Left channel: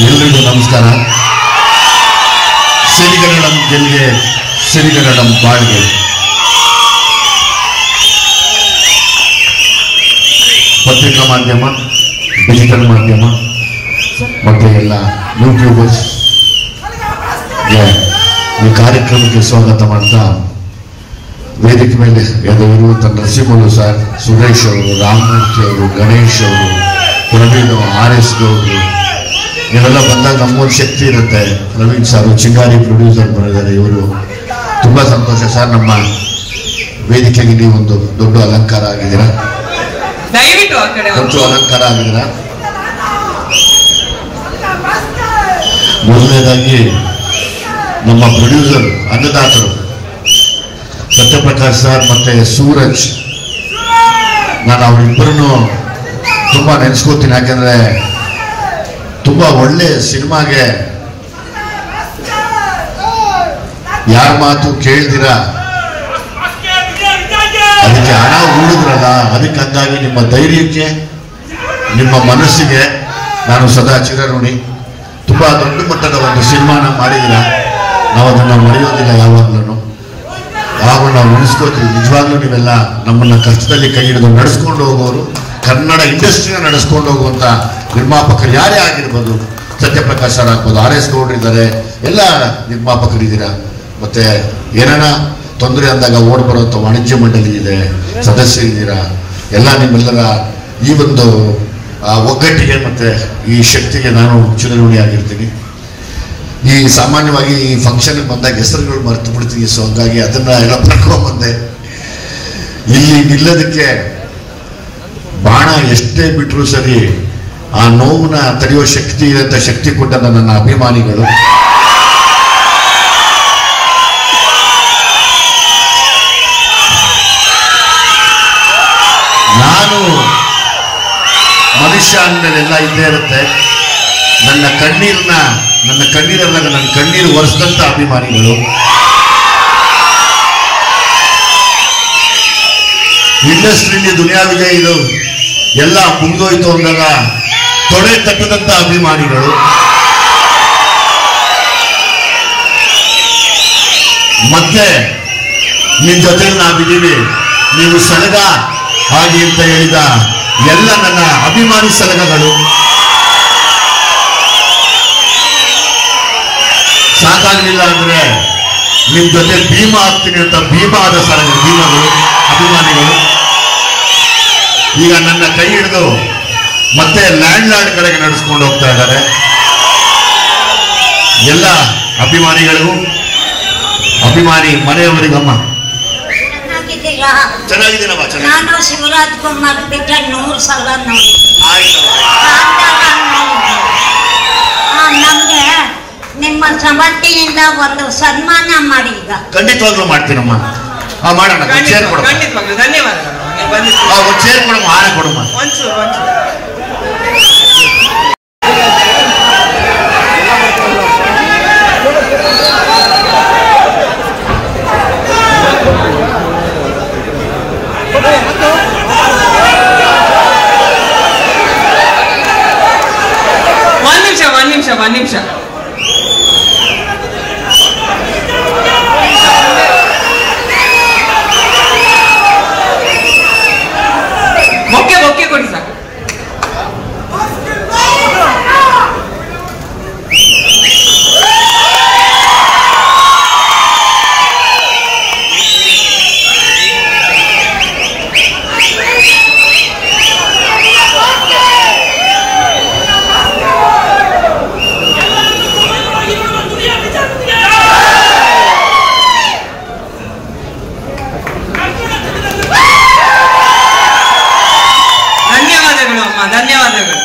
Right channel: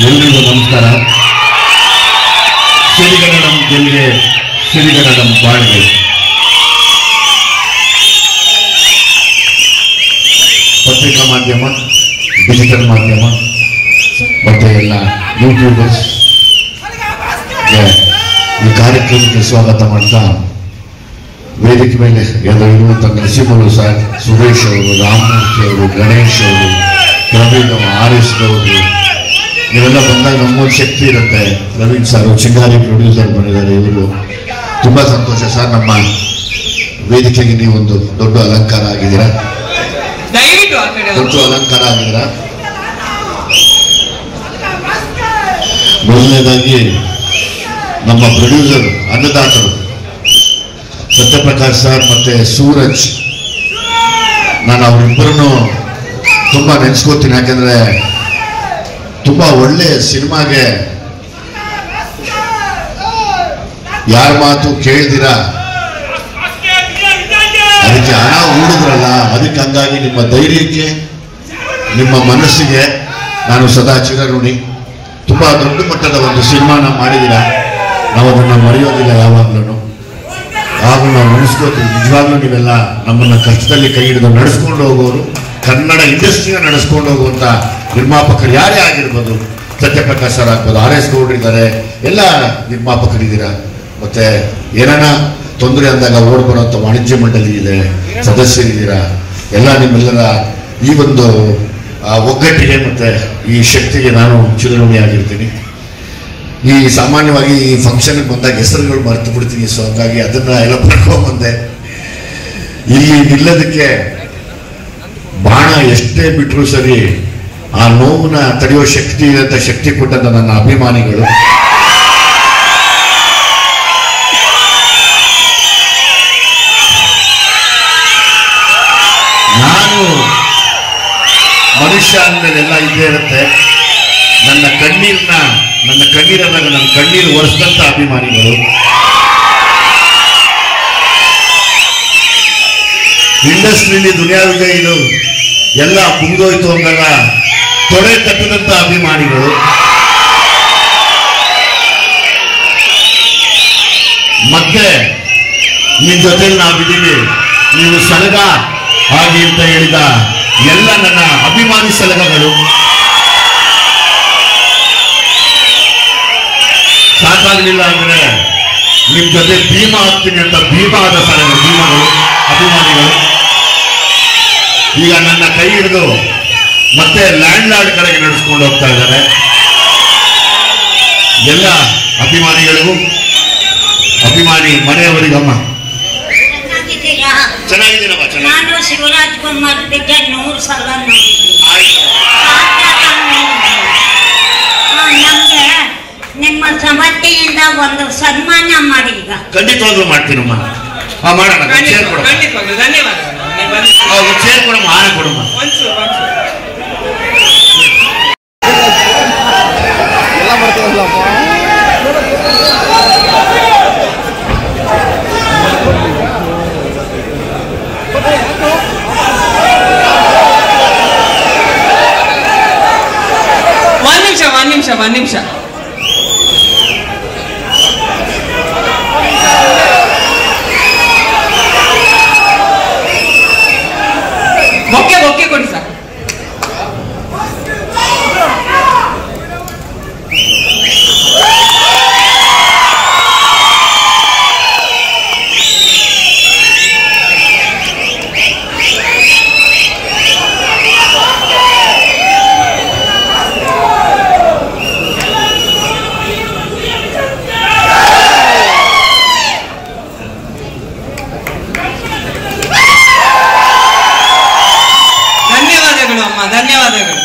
ಎಲ್ರಿಗೂ ನಮಸ್ಕಾರ. ಸಿರಿಗನ್ನಡಂ ಗೆಲ್ಲೆ ಸಿರಿಗನ್ನಡಂ ಬಾಳ್ಗೆ. ಪತ್ರಿಕಾ ಮಾಧ್ಯಮ, ಡಿಜಿಟಲ್ ಮಾಧ್ಯಮ ಮತ್ತು ಎಲ್ಲ ಯೂಟ್ಯೂಬರ್ಸ್ ಈ ಕಾರ್ಯಕ್ರಮಕ್ಕೆ ಸ್ವಾಗತ ಮಾಡ್ತಾ, ವೇದಿಕೆ ಮೇಲೆ ಇರುವಂಥ ನರಸಿಂಹರು ಸರ್, ಸುರೇಶ್ ಅವರು, ರಾಮಮೂರ್ತಿ ಅವರು, ಗಣೇಶ್ ಅವರು, ಪ್ರವೀಣ್, RS ಗೌಡ್ರು ಇವೆಲ್ಲ ಬಂದಾಗ ನಮ್ಮೂರು ಶಕ್ತಿ ಇರುತ್ತೆ. ಪ್ರವೀಣ್ ಸರ್ ಚಿಂಗಾರಿ ಪ್ರೊಡ್ಯೂಸರ್ ಬಂದಿದ್ದಾರೆ. ಇವರು ತುಂಬಾ ಸಂತೋಷ ಸರ್. ನಮ್ಮ ವೇದಿಕೆಗೆ ನೀವೊಂದು ದೊಡ್ಡ ಅಲಂಕಾರ ಆಗಿದ್ದೀರಾ, ದೊಡ್ಡ ಅಲಂಕಾರ ಆಗಿದ್ದೀರಾ. ಮೊದಲನೇದಾಗಿ ನಮ್ಮ ಪ್ರೊಡ್ಯೂಸರ್ ಅನ್ನದಾತರು ಸತ್ಯಪ್ರಕಾಶ್ ಸರ್ ಮತ್ತೆ ಸೂರಜ್, ನಾನು ಅವರಿಬ್ಬರನ್ನು ತುಂಬಾ ನೆನೆಸ್ಕೋತೀನಿ. ಯಾಕಂದ್ರೆ ತುಂಬಾ ಒಳ್ಳೆ ಸಿನಿಮಾಗೆ ಯಾರ ಮಾತು ಕೇಳಿದಿರ ಅದಕ್ಕೆ ಹಣ ಹೂಡಿದ್ರಲ್ಲ, ಅದಕ್ಕೆ ಹಂಗಾಗಿ ನಿಮ್ಮ ಧೈರ್ಯಕ್ಕೆ, ನಿಮ್ಮ ಮನಸ್ಸಿಗೆ ನಾನು ಸದಾ ಚಿರಋಣಿ. ತುಂಬಾ ದೊಡ್ಡ ಮಟ್ಟದ ಒಂದು ಸಿನಿಮಾನ ಮಾಡಿದಿರ, ನಾವು ಅದನ್ನ ಮರೆಯೋದಿಲ್ಲ ಯಾವಾಗ್ಲೂ. ಯಾವಾಗ ನಾವು ನೆನೆಸ್ಕೋತೀವಿ. ನಿಜವಾಗ್ಲೂ ನೀವೆಲ್ಲ ನಮ್ಮನ್ನ ಕಷ್ಟದಲ್ಲಿ ಕೈ ಹಿಡಿದು ನಡೆಸ್ಕೊಂಡು ಹೋಗೋರು, ಕನ್ನಡ ಇಂಡಸ್ಟ್ರಿನ ನಡೆಸ್ಕೊಂಡು ಹೋಗುವಂತ ನಿರ್ಮಾಪಕರು ಯಾರೇ ಆಗಿರ್ಬೋದು. ಸತ್ಯಪ್ರಕಾಶ್ ಸರ್ ಆಗ್ಬೋದು, RS ಗೌಡ್ರಿದ್ದಾರೆ, ಎಲ್ಲ ನಿರ್ಮಾಪಕರಿದ್ದೀರಾ. ಮತ್ತೆ ಏನಾನ ತೊಂದರೆ ಅಂದಾಗ ಓಡ್ ಬರುವಂತ ವಾಣಿಜ್ಯ ಮಂಡಳಿ ಇದೆ, ಸದಸ್ಯರಿದ್ದೀರಾ. ಎಲ್ಲ ನಿಮ್ಮೆಲ್ಲರ ಈ ಒಂದು ಒಗ್ಗಟ್ಟಿಗೆ ಮತ್ತೆ ಈ ಶಕ್ತಿಗೆ ನಾನು ಚಿರಋಣಿಯಾಗಿರ್ತೀನಿ. ಈ ಸಾಮಾನ್ಯವಾಗಿ ಈ ಫಂಕ್ಷನ್ಗೆ ಬಂದಾಗ ಹೆಸರುಗಳು ಮರೆತು ಬಿಡ್ತೀನಿ. ಸೊ ಹಂಗಾಗಿ ಅದನ್ನ ಎಲ್ಲ ಪಡ್ಕೊಂಡ್ಬಂದೆ. ಇಲ್ಲಿ ನಿಲ್ಲೋದಕ್ಕೆ ಬಾಣ ಎಷ್ಟೇ ಬಿಟ್ಟರು ಸರಿ, ಆ ನೋವನ್ನ ತಡೆಯುವ ಶಕ್ತಿ ಇರಂತ ಶಕ್ತಿ ಕೊಟ್ಟ ನನ್ನ ಅಭಿಮಾನಿಗಳು. ನಾನು ಮನುಷ್ಯ ಅಂದಮೇಲೆಲ್ಲ ಇದ್ದೇ ಇರುತ್ತೆ. ನನ್ನ ಕಣ್ಣೀರಲ್ಲಾಗ ನನ್ನ ಕಣ್ಣೀರು ಒರೆಸಿದಂತ ಅಭಿಮಾನಿಗಳು. ಇಂಡಸ್ಟ್ರಿಯಲ್ಲಿ ದುನಿಯಾವಿಗೆ ಇದು ಎಲ್ಲ ಮುಗಿದೋಯ್ತು ಅಂದಾಗ ತೊಡೆ ತಟ್ಟದಂತ ಅಭಿಮಾನಿಗಳು. ಮತ್ತೆ ನಿಮ್ ಜೊತೆಲಿ ನಾವಿದ್ದೀವಿ, ನೀವು ಸಲಗ ಹಾಗೆ ಅಂತ ಹೇಳಿದ ಎಲ್ಲ ನನ್ನ ಅಭಿಮಾನಿ ಸಲಗಗಳು. ಸಾಕಾಗಲಿಲ್ಲ ಅಂದ್ರೆ ನಿಮ್ ಜೊತೆ ಭೀಮ ಆಗ್ತೀನಿ ಅಂತ ಭೀಮಾದ ಸಲಗಗಳು, ಭೀಮಗಳು, ಅಭಿಮಾನಿಗಳು. ಈಗ ನನ್ನ ಕೈ ಹಿಡಿದು ಮತ್ತೆ ಲ್ಯಾಂಡ್ ಲಾರ್ಡ್ ಕಡೆಗೆ ನಡೆಸ್ಕೊಂಡು ಹೋಗ್ತಾ ಇದ್ದಾರೆ. ಎಲ್ಲ ಅಭಿಮಾನಿಗಳಿಗೂ, ಅಭಿಮಾನಿ ಮನೆಯವರಿಗಮ್ಮ ಚೆನ್ನಾಗಿದ್ದೀನಮ್ಮ. ನಾನು ಶಿವರಾಜ್ ಕುಮಾರ್ ಪಿಕ್ಚರ್ 100 ಸಲ ನಮ್ಗೆ ನಿಮ್ಮ ಸಮರ್ಥೆಯಿಂದ ಒಂದು ಸನ್ಮಾನ ಮಾಡಿ. ಈಗ ಖಂಡಿತವಾಗ್ಲೂ ಮಾಡ್ತೀನಮ್ಮ. ಮಾಡೋಣ. ಚೇರ್ ಕೊಡಮ್ಮ, ಚೇರ್ ಕೊಡಮ್ಮ, ಆನೆ ಕೊಡಮ್ಮ. ಒಂದ್ ನಿಮಿಷ ಬೊಕ್ಕೆ ಕೊಡಿ ಸರ್. ಧನ್ಯವಾದಗಳು.